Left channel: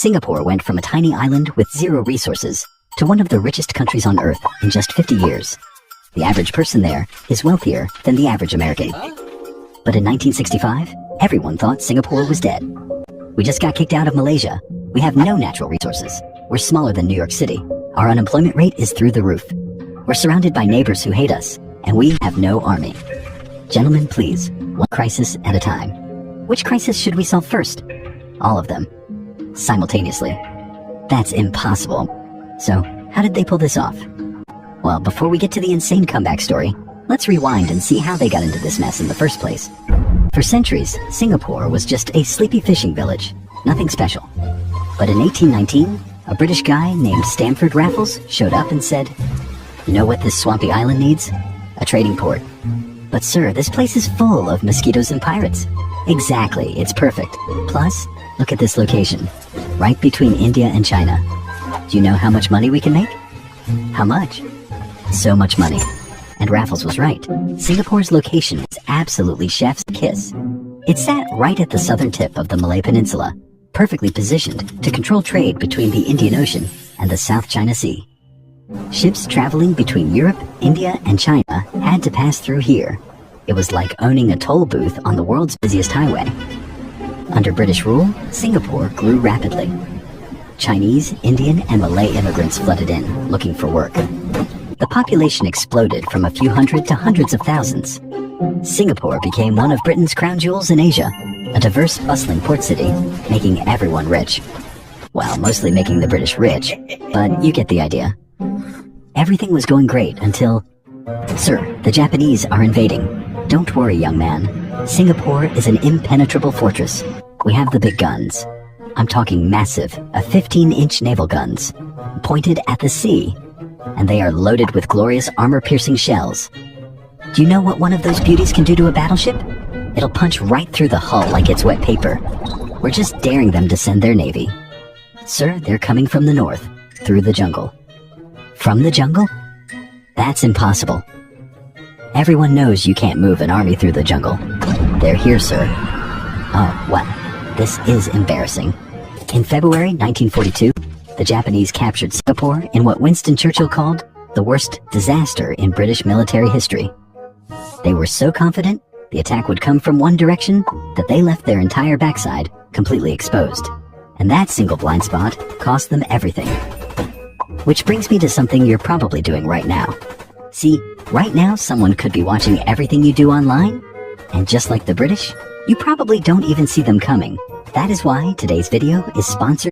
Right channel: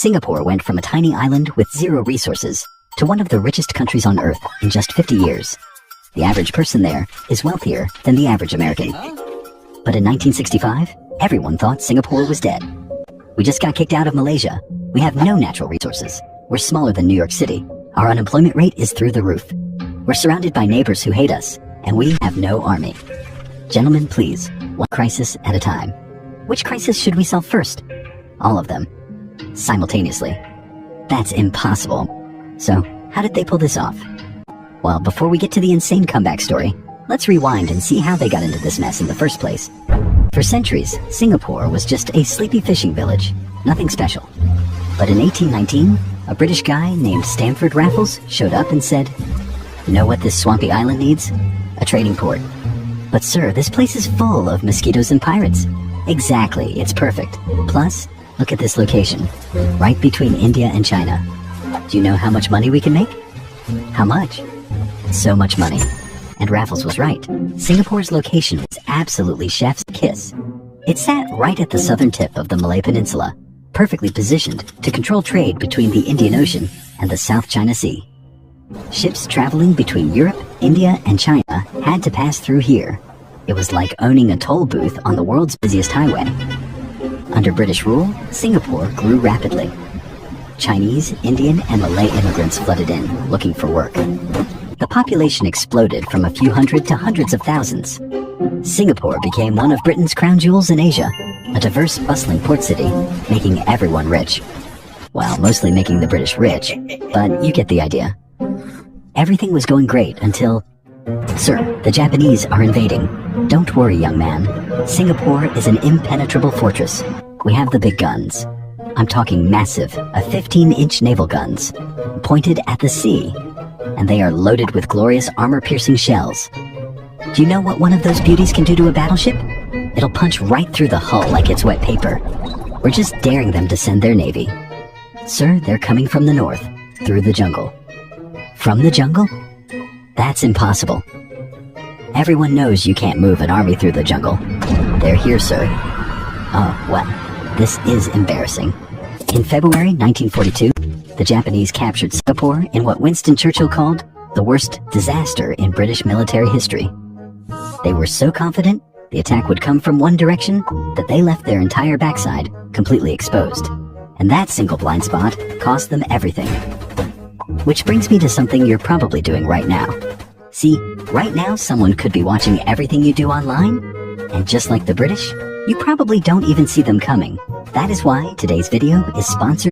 Singapore went from a tiny island with zero resources to one of the richest countries on Earth in just 50 years. The average person there is wealthier than the average American. But in 1965, everyone thought Singapore was dead. We just got kicked out of Malaysia. We have no natural resources. We're smaller than New York City. Our unemployment rate is through the roof. We're surrounded by neighbors who hate us, and we have no army. Gentlemen, please, one crisis at a time. Which crisis should we solve first? All of them. Simultaneously. That's impossible. So, how did they pull this off? Well, before we get to the insane comeback story, let's rewind and see how they got into this mess in the first place. For centuries, Singapore was just a sleepy fishing village. Nothing special. But in 1819, a British guy named Stamford Raffles showed up and said, "You know what this swampy island needs? A trading port." "But sir, this place is full of mosquitoes and pirates." "Exactly, it's perfect. Plus, look at this location, right between India and China. Do you know how much money we can make?" "How much?" "So much money." And Raffles was right. Singapore's location was absolutely chef's kiss. It sat right at the southern tip of the Malay Peninsula, perfectly positioned to control trade between the Indian Ocean and the South China Sea. Ships traveling between Europe, India, and China had to pass through here. It was like owning a toll booth on the world's busiest highway. Under British rule, Singapore grew rapidly. Chinese, Indian, and Malay immigrants flooded in, looking for work. The population exploded from a few hundred to hundreds of thousands. Singapore became one of Britain's crown jewels in Asia, a diverse, bustling port city, making everyone rich. Well, mostly making the British rich, but you get the idea. Everything was going great until... "Sir, the Japanese are invading." "Don't worry, young man. Singapore is an impenetrable fortress. We have the big guns. I'm talking massive, a 15-inch naval guns, pointed at the sea. And they are loaded with glorious armor-piercing shells. Do you know what one of those beauties can do to a battleship? It'll punch right through the hull like it's wet paper. We're just daring them to send their navy. Sir, they're coming from the north, through the jungle." "From the jungle? That's impossible. Everyone knows you can't move an army through the jungle. They're here, sir." "Oh, well, this is embarrassing." In February 1942, the Japanese captured Singapore in what Winston Churchill called the worst disaster in British military history. They were so confident the attack would come from one direction that they left their entire backside completely exposed. And that single blind spot cost them everything. Which brings me to something you're probably doing right now. See, right now someone could be watching everything you do online, and just like the British, you probably don't even see them coming. That is why today's video is sponsored